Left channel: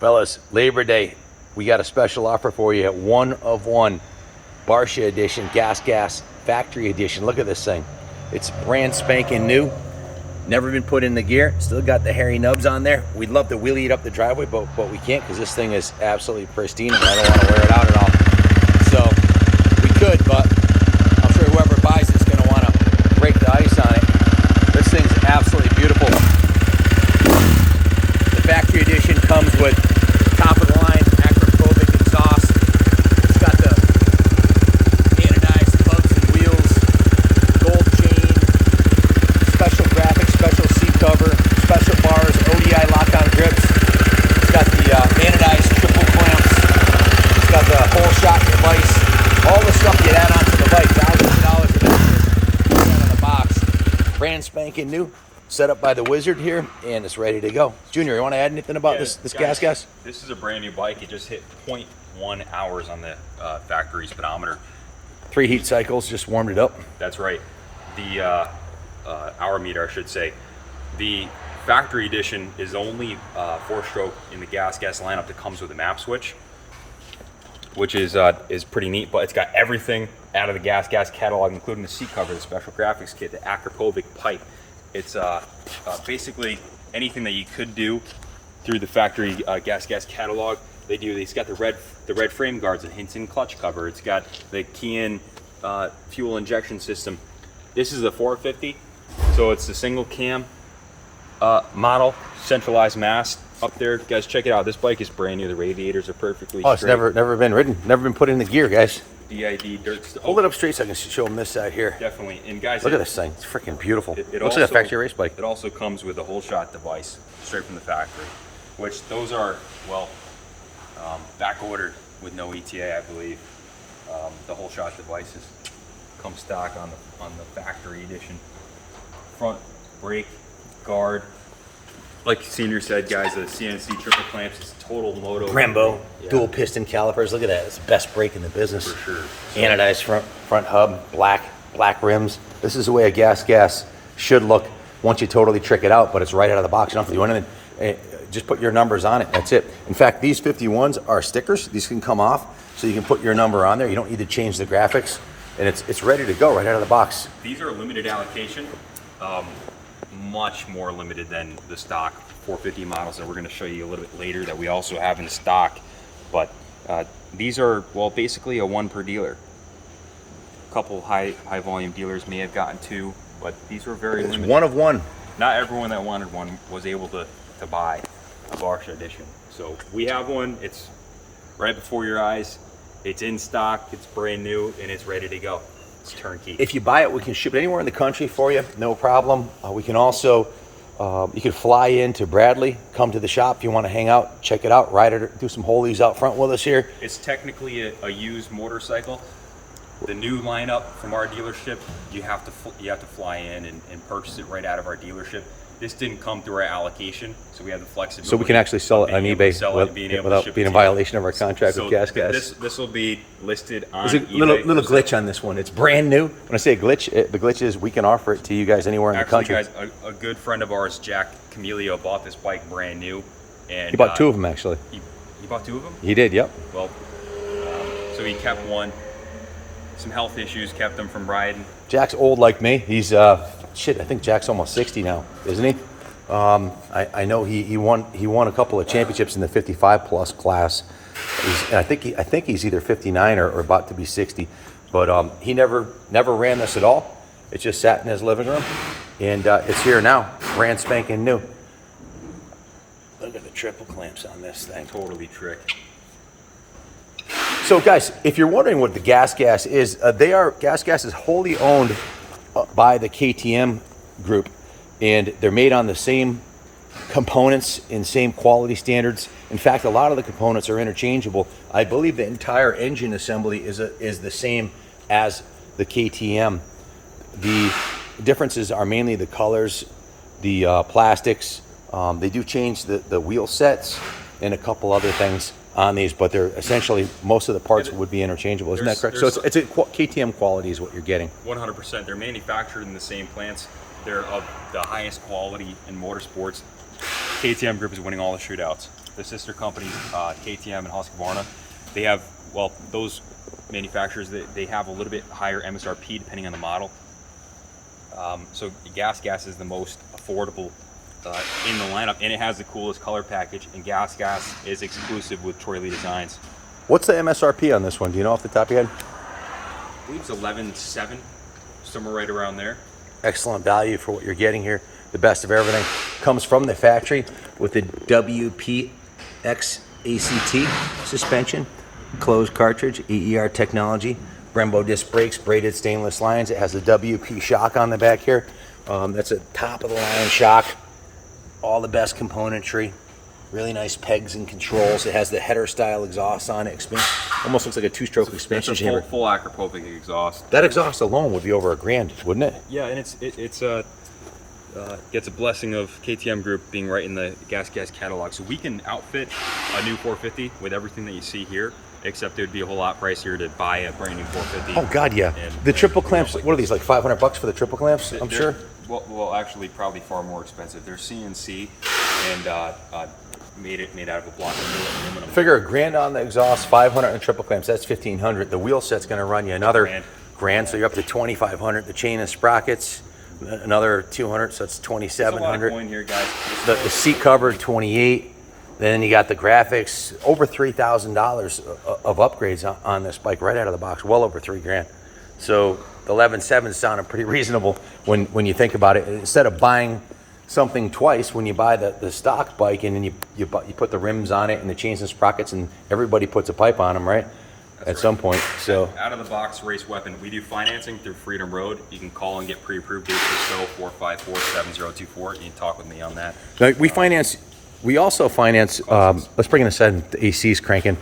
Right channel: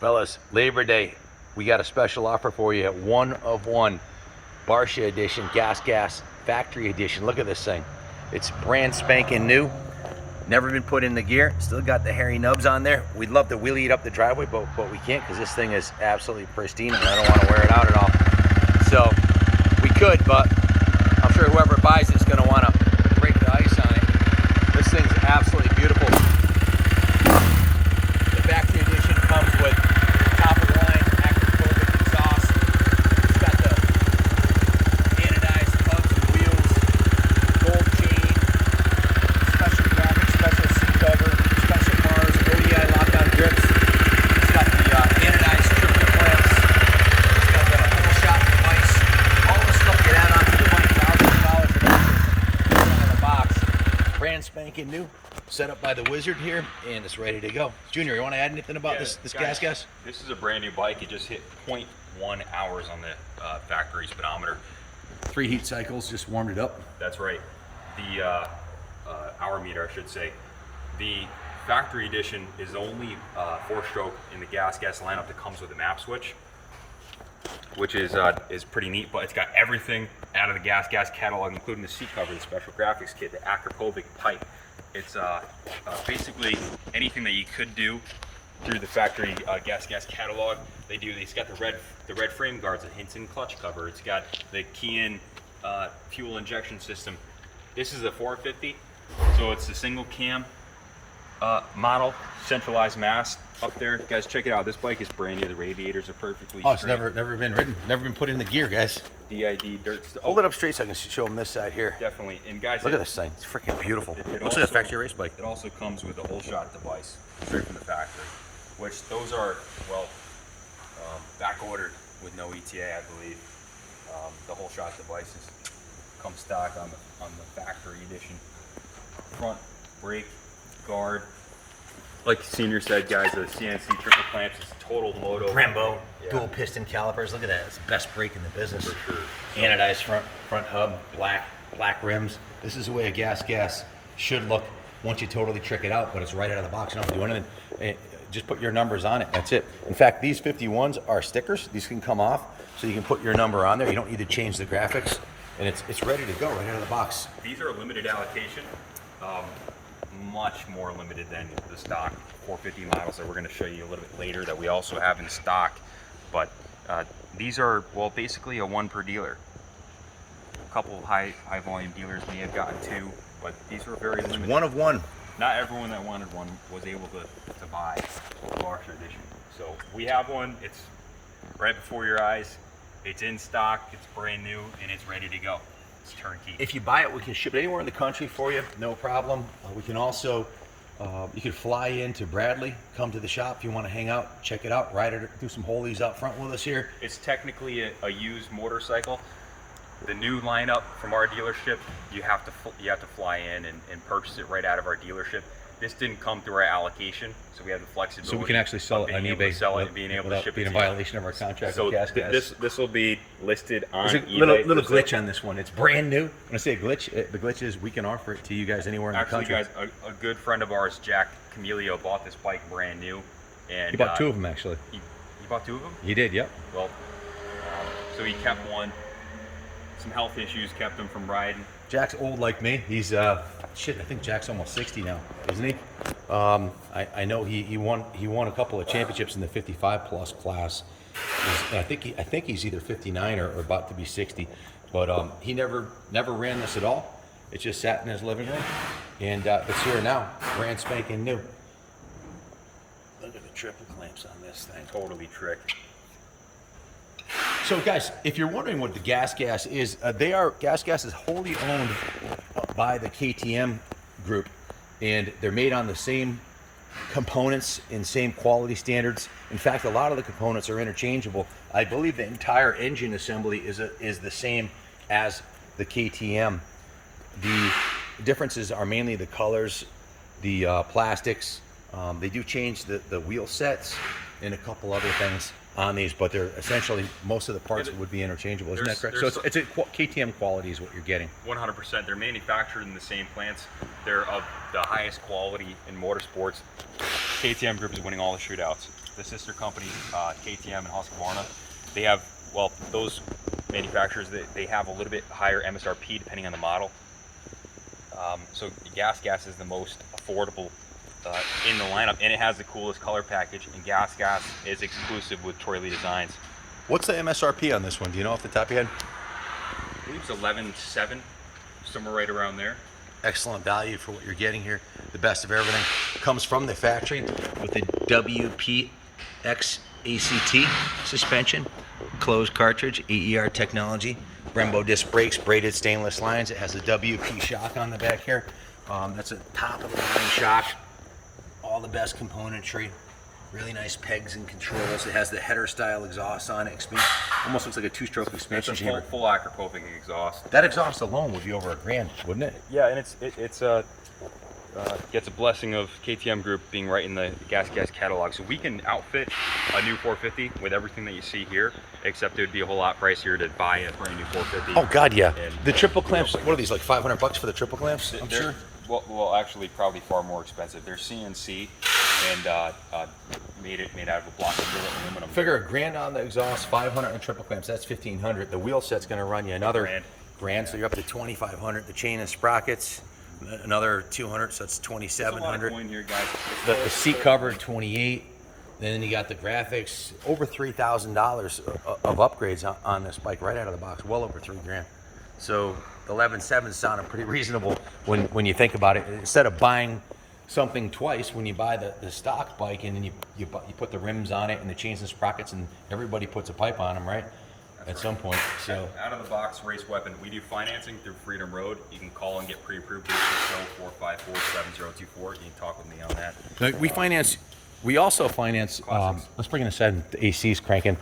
Fellas, Labor Day, we got a special offer for you at 1 of 1 Barsha edition, Gasgas factory edition. Look at this thing. It's brand spanking new. Never been put in the gear. Still got the hairy nubs on there. We'd love to wheelie it up the driveway, but we can't because this thing is absolutely pristine and I don't want to wear it out at all. So we could, but I'm sure whoever buys it's going to want to break the ice on it. This thing's absolutely beautiful. The factory edition comes with top of the line acrophobic exhaust. It's got the anodized hubs and wheels, gold chain, special graphics, special seat cover, special bars, ODI lock-on grips. It's got the anodized triple clamps. It's got the whole shot device. All the stuff you add onto the bike, thousands of dollars of extras out of the box. Brand spanking new. Set up by the wizard here, and it's ready to go. Junior, you want to add anything about this Gasgas? This is a brand new bike. It just hit 0.1 hours on the factory speedometer. 3 heat cycles, just warmed it up. That's right. The hour meter, I should say. The factory edition is only 4-stroke in the Gasgas lineup that comes with a map switch, which is pretty neat. But it's got everything out of the Gasgas catalog, including the seat cover, the special graphics kit, the acrophobic pipe. It's basically anything that you could do through the factory Gasgas catalog. They do. It's got the red frame guards, the Hinton clutch cover. It's got the key-in fuel injection system. This is a 450, so it's the single cam model, centralized mast up there. Guys, check it out. This bike is brand new. The radiators are perfectly it's never been ridden, never been put in the gear, guys. DID dirt. Hold it up straight so I can show them this side here. Definitely. And guys, look at this thing. It's freaking beautiful. It looks like a factory race bike. It also comes with a whole shot device straight from the factory, which those are, well, back ordered with no ETA, I believe. The whole shot devices come stock on the factory edition. Front brake guard, like Senior said, guys, the CNC triple clamps. It's total moto. Brembo, dual piston calipers. Look at that. It's the best brake in the business. For sure. Anodized front hub, black rims. This is the way a Gasgas should look once you totally trick it out, but it's right out of the box. You don't have to do anything. Just put your numbers on it. That's it. In fact, these 51s are stickers. These can come off, so you can put your number on there. You don't need to change the graphics, and it's ready to go right out of the box. These are a limited allocation. Much more limited than the stock 450 models that we're going to show you a little bit later that we also have in stock. But these are, well, basically a one per dealer. A couple high volume dealers may have gotten 2, but these were very limited. 1 of 1. Not everyone that wanted one was able to buy a Barsha edition. So we have one. It's right before your eyes. It's in stock. It's brand new, and it's ready to go. Turnkey. If you buy it, we can ship it anywhere in the country for you, no problem. We can also, you can fly in to Bradley, come to the shop if you want to hang out, check it out, ride it, do some holies out front with us here. It's technically a used motorcycle. The new lineup from our dealership, you have to fly in and purchase it right out of our dealership. This didn't come through our allocation, so we have the flexibility. So we can actually sell it on eBay without being in violation of our contract with Gasgas. This will be listed on There's a eBay. little glitch on this one. It's brand new. When I say a glitch, the glitch is we can offer it to you guys anywhere in the country. Actually, guys, a good friend of ours, Jack Camilio, bought this bike brand new. And he bought 2 of them, actually. He bought 2 of them? He did, yep. Well, so he kept one. Some health issues kept him from riding. Jack's old like me. He's I think Jack's almost 60 now, isn't he? I know he won a couple of championships in the 55 plus class. I think he's either 59 or about to be 60, but he never ran this at all. It just sat in his living room, and it's here now, brand spanking new. Look at the triple clamps on this thing. Totally tricked. So guys, if you're wondering what the Gasgas is, Gasgas is wholly owned by the KTM group, and they're made on the same components and same quality standards. In fact, a lot of the components are interchangeable. I believe the entire engine assembly is the same as the KTM. The differences are mainly the colors, the plastics. They do change the wheel sets and a couple other things on these, but they're essentially, most of the parts would be interchangeable. Isn't that correct? So it's a KTM quality is what you're getting. 100%. They're manufactured in the same plants. They're of the highest quality in motorsports. KTM Group is winning all the shootouts. the sister companies, KTM and Husqvarna, they have, well, those manufacturers, they have a little bit higher MSRP depending on the model. So Gasgas is the most affordable in the lineup, and it has the coolest color package, and Gasgas is exclusive with Troy Lee Designs. What's the MSRP on this one? Do you know off the top of your head? I believe it's 11.7, somewhere right around there. Excellent value for what you're getting here. The best of everything comes from the factory with the WPX ACT suspension, closed cartridge, EER technology, Brembo disc brakes, braided stainless lines. It has a WP shock on the back here. That's a top of the line shock. All the best componentry. Really nice pegs and controls. It has the header style exhaust on it. Almost looks like a two-stroke expansion chamber. Full Acropovic exhaust. That exhaust alone would be over $1,000, wouldn't it? Yeah, and it's gets a blessing of KTM Group being right in the Gasgas catalog. So we can outfit a new 450 with everything that you see here, except it would be a whole lot pricier to buy a brand new 450. Oh God, yeah. The triple clamps, what are these, like $500 for the triple clamps? I'm sure. Well, actually, probably far more expensive. They're CNC and made out of a block of aluminum. Figure $1,000 on the exhaust, $500 on triple clamps. That's $1,500. The wheel set's going to run you another grand, so you're up to $2,500. The chain and sprockets, another $200, so it's $2,700. Here, guys. The seat cover, $28. Then you got the graphics, over $3,000 of upgrades on this bike right out of the box, well over $3,000. So the 11.7 sounded pretty reasonable when you think about it. Instead of buying something twice, when you buy the stock bike and then you put the rims on it and the chains and sprockets, and everybody puts a pipe on them, right? That's right. Some point. So out of the box race weapon. We do financing through Freedom Road. You can call and get pre-approved. 860-454-7024. You can talk with me on that. Now, we also finance, let's bring in a set, the AC's cranking.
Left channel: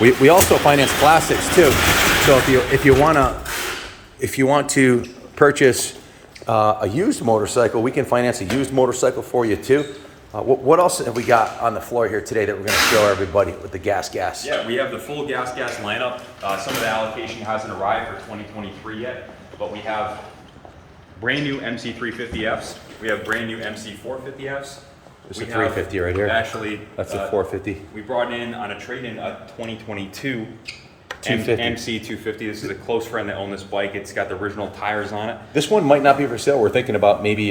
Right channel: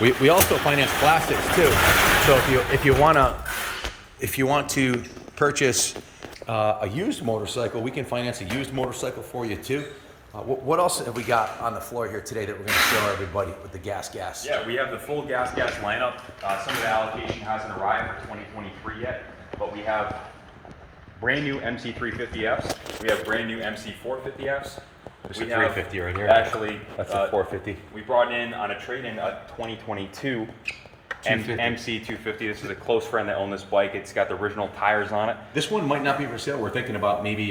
We also finance classics too. So if you want to purchase a used motorcycle, we can finance a used motorcycle for you too. What else have we got on the floor here today that we're going to show everybody with the Gasgas? Yeah, we have the full Gasgas lineup. Some of the allocation hasn't arrived for 2023 yet, but we have brand new MC350Fs. We have brand new MC450Fs. There's a 350 right here. Actually, that's a 450. We brought in on a trade-in a 2022 250. MC250. This is a close friend that owned this bike. It's got the original tires on it. This one might not be for sale. We're thinking about maybe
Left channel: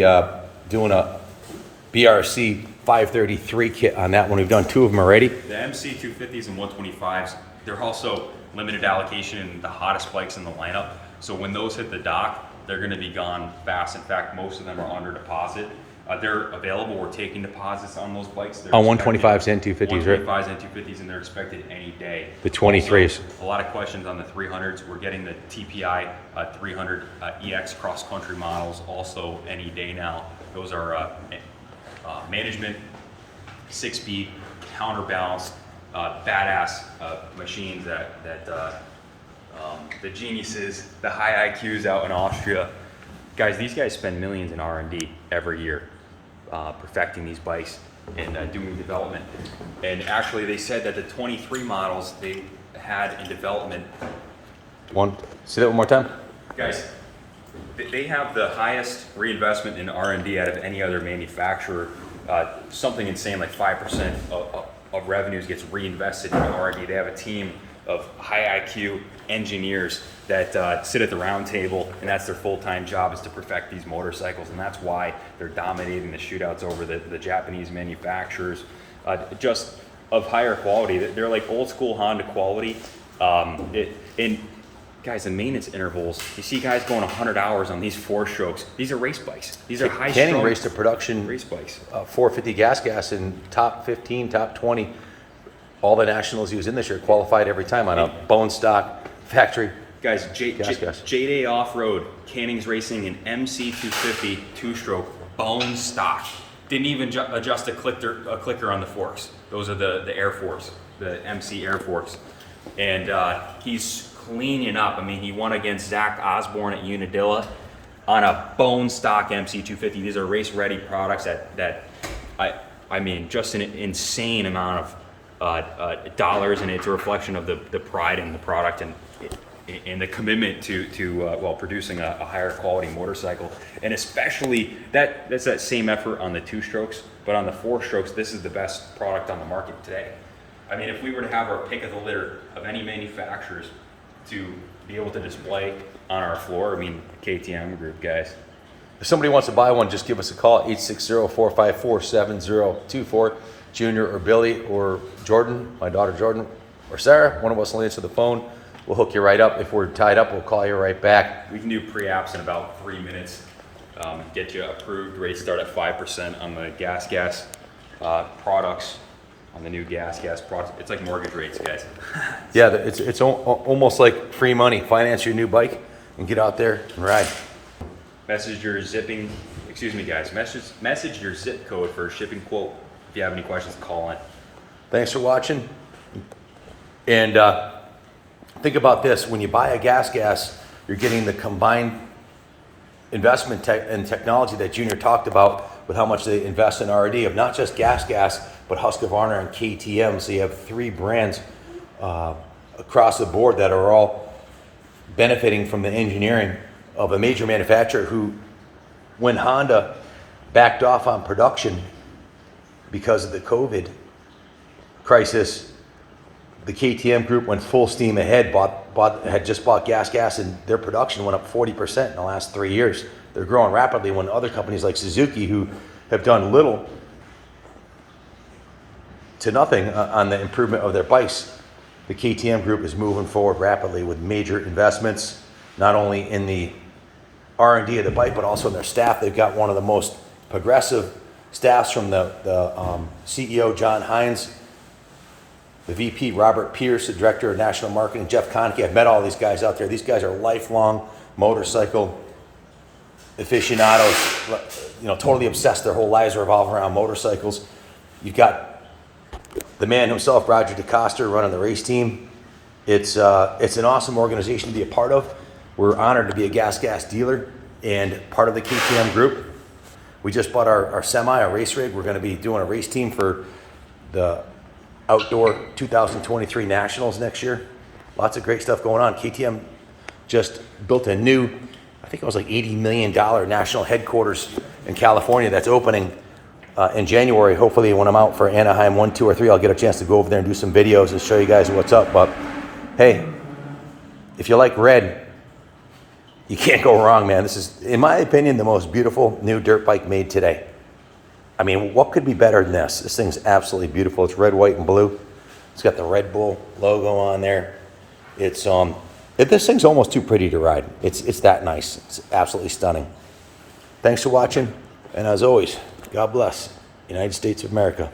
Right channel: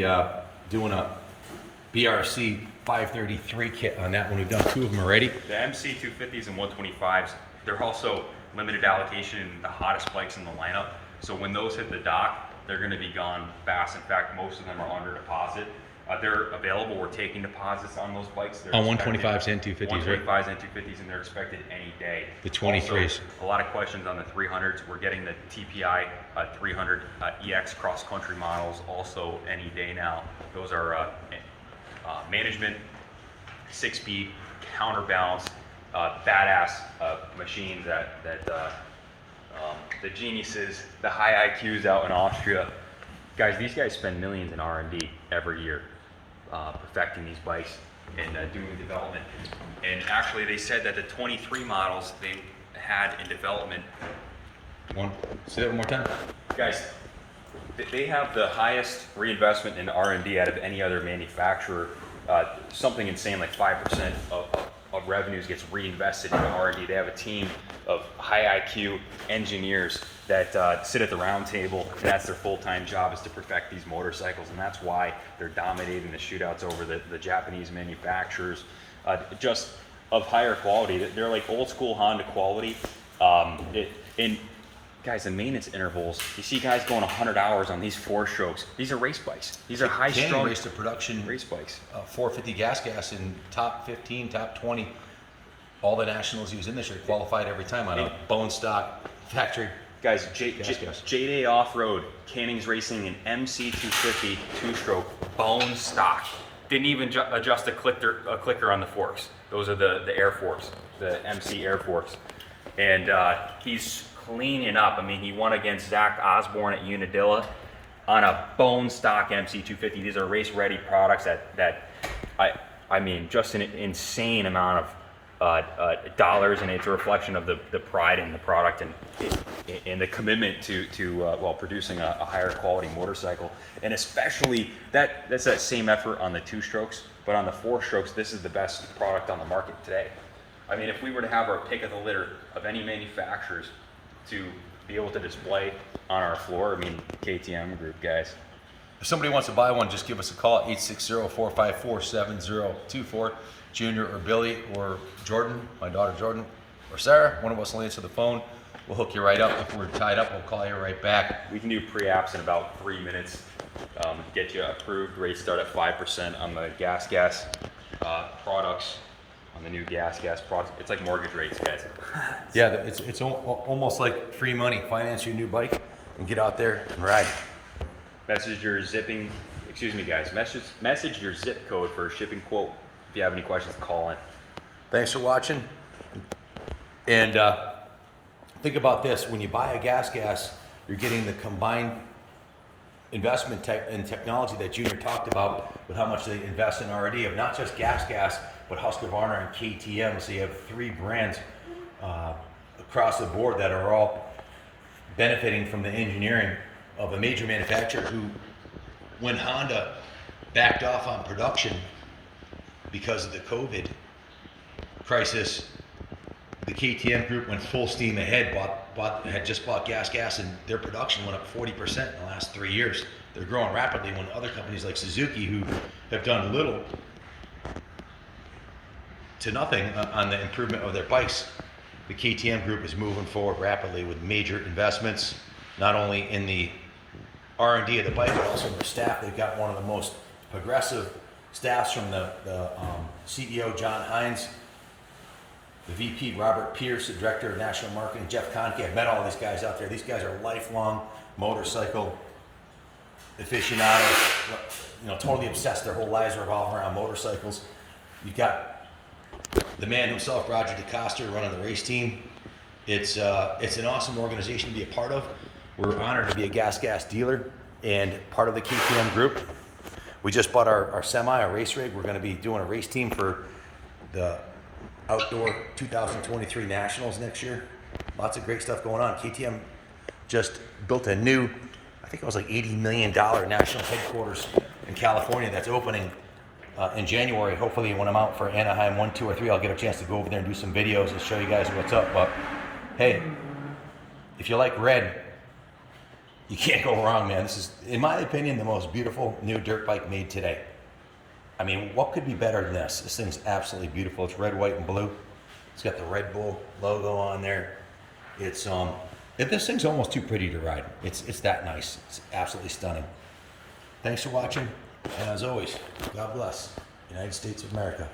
doing a BRC 533 kit on that one. We've done 2 of them already. The MC250s and 125s, they're also limited allocation and the hottest bikes in the lineup. So when those hit the dock, they're going to be gone fast. In fact, most of them are under deposit. They're available. We're taking deposits on those bikes. They're on 125s and 250s, right? 125s and 250s, and they're expected any day. The 23s. Also, a lot of questions on the 300s. We're getting the TPI 300 EX cross-country models also any day now. Those are management, 6-speed, counterbalance, badass machines that the geniuses, the high IQs out in Austria. Guys, these guys spend millions in R&D every year perfecting these bikes and doing development. And actually, they said that the 23 models they had in development. Say that one more time. Guys, they have the highest reinvestment in R&D out of any other manufacturer. Something insane like 5% of revenues gets reinvested in R&D. They have a team of high IQ engineers that sit at the round table, and that's their full-time job, is to perfect these motorcycles, and that's why they're dominating the shootouts over the Japanese manufacturers, just of higher quality. They're like old school Honda quality. And guys, the maintenance intervals, you see guys going 100 hours on these 4-strokes. These are race bikes. These are high-strung Canning raced a production race bikes. 450 Gasgas in top 15, top 20. All the nationals he was in this year qualified every time on a bone stock factory. Guys, J-Day Off-Road, Canning's racing an MC250 2-stroke bone stock. Didn't even adjust a clicker on the forks. Those are the Air Force, the MC Air Force. And he's cleaning up. I mean, he won against Zach Osborne at Unadilla on a bone stock MC250. These are race-ready products that I mean, just an insane amount of dollars, and it's a reflection of the pride in the product and the commitment to producing a higher quality motorcycle. And especially that's that same effort on the 2-strokes. but on the 4-strokes, this is the best product on the market today. I mean, if we were to have our pick of the litter of any manufacturers to be able to display on our floor, I mean, KTM Group, guys. If somebody wants to buy one, just give us a call, 860-454-7024. Junior or Billy or Jordan, my daughter Jordan, or Sarah, one of us will answer the phone. We'll hook you right up. If we're tied up, we'll call you right back. We can do pre-apps in about 3 minutes. Get you approved. Rates start at 5% on the Gasgas products, on the new Gasgas products. It's like mortgage rates, guys. Yeah, it's almost like free money. Finance your new bike and get out there and ride. Message your zipping, excuse me guys, message your zip code for a shipping quote. If you have any questions, call in. Thanks for watching. And think about this, when you buy a Gasgas, you're getting the combined investment and technology that Junior talked about with how much they invest in R&D of not just Gasgas, but Husqvarna and KTM. So you have 3 brands across the board that are all benefiting from the engineering of a major manufacturer who, when Honda backed off on production because of the COVID crisis, the KTM Group went full steam ahead, had just bought Gasgas, and their production went up 40% in the last 3 years. They're growing rapidly when other companies like Suzuki, who have done little to nothing on the improvement of their bikes, the KTM Group is moving forward rapidly with major investments, not only in the R&D of the bike, but also in their staff. They've got one of the most progressive staffs, from the CEO, John Hines, the VP, Robert Pierce, the Director of National Marketing, Jeff Konke. I've met all these guys out there. These guys are lifelong motorcycle aficionados, totally obsessed. Their whole lives revolve around motorcycles. You've got the man himself, Roger DeCoster, running the race team. It's an awesome organization to be a part of. We're honored to be a Gasgas dealer and part of the KTM Group. We just bought our semi, our race rig. We're going to be doing a race team for the outdoor 2023 Nationals next year. Lots of great stuff going on. KTM just built a new, I think it was like $80 million national headquarters in California that's opening in January. Hopefully when I'm out for Anaheim 1, 2, or 3, I'll get a chance to go over there and do some videos and show you guys what's up. But hey, if you like red, you can't go wrong, man. This is, in my opinion, the most beautiful new dirt bike made today. I mean, what could be better than this? This thing's absolutely beautiful. It's red, white, and blue. It's got the Red Bull logo on there. It's this thing's almost too pretty to ride. It's that nice. It's absolutely stunning. Thanks for watching, and as always, God bless. United States of America.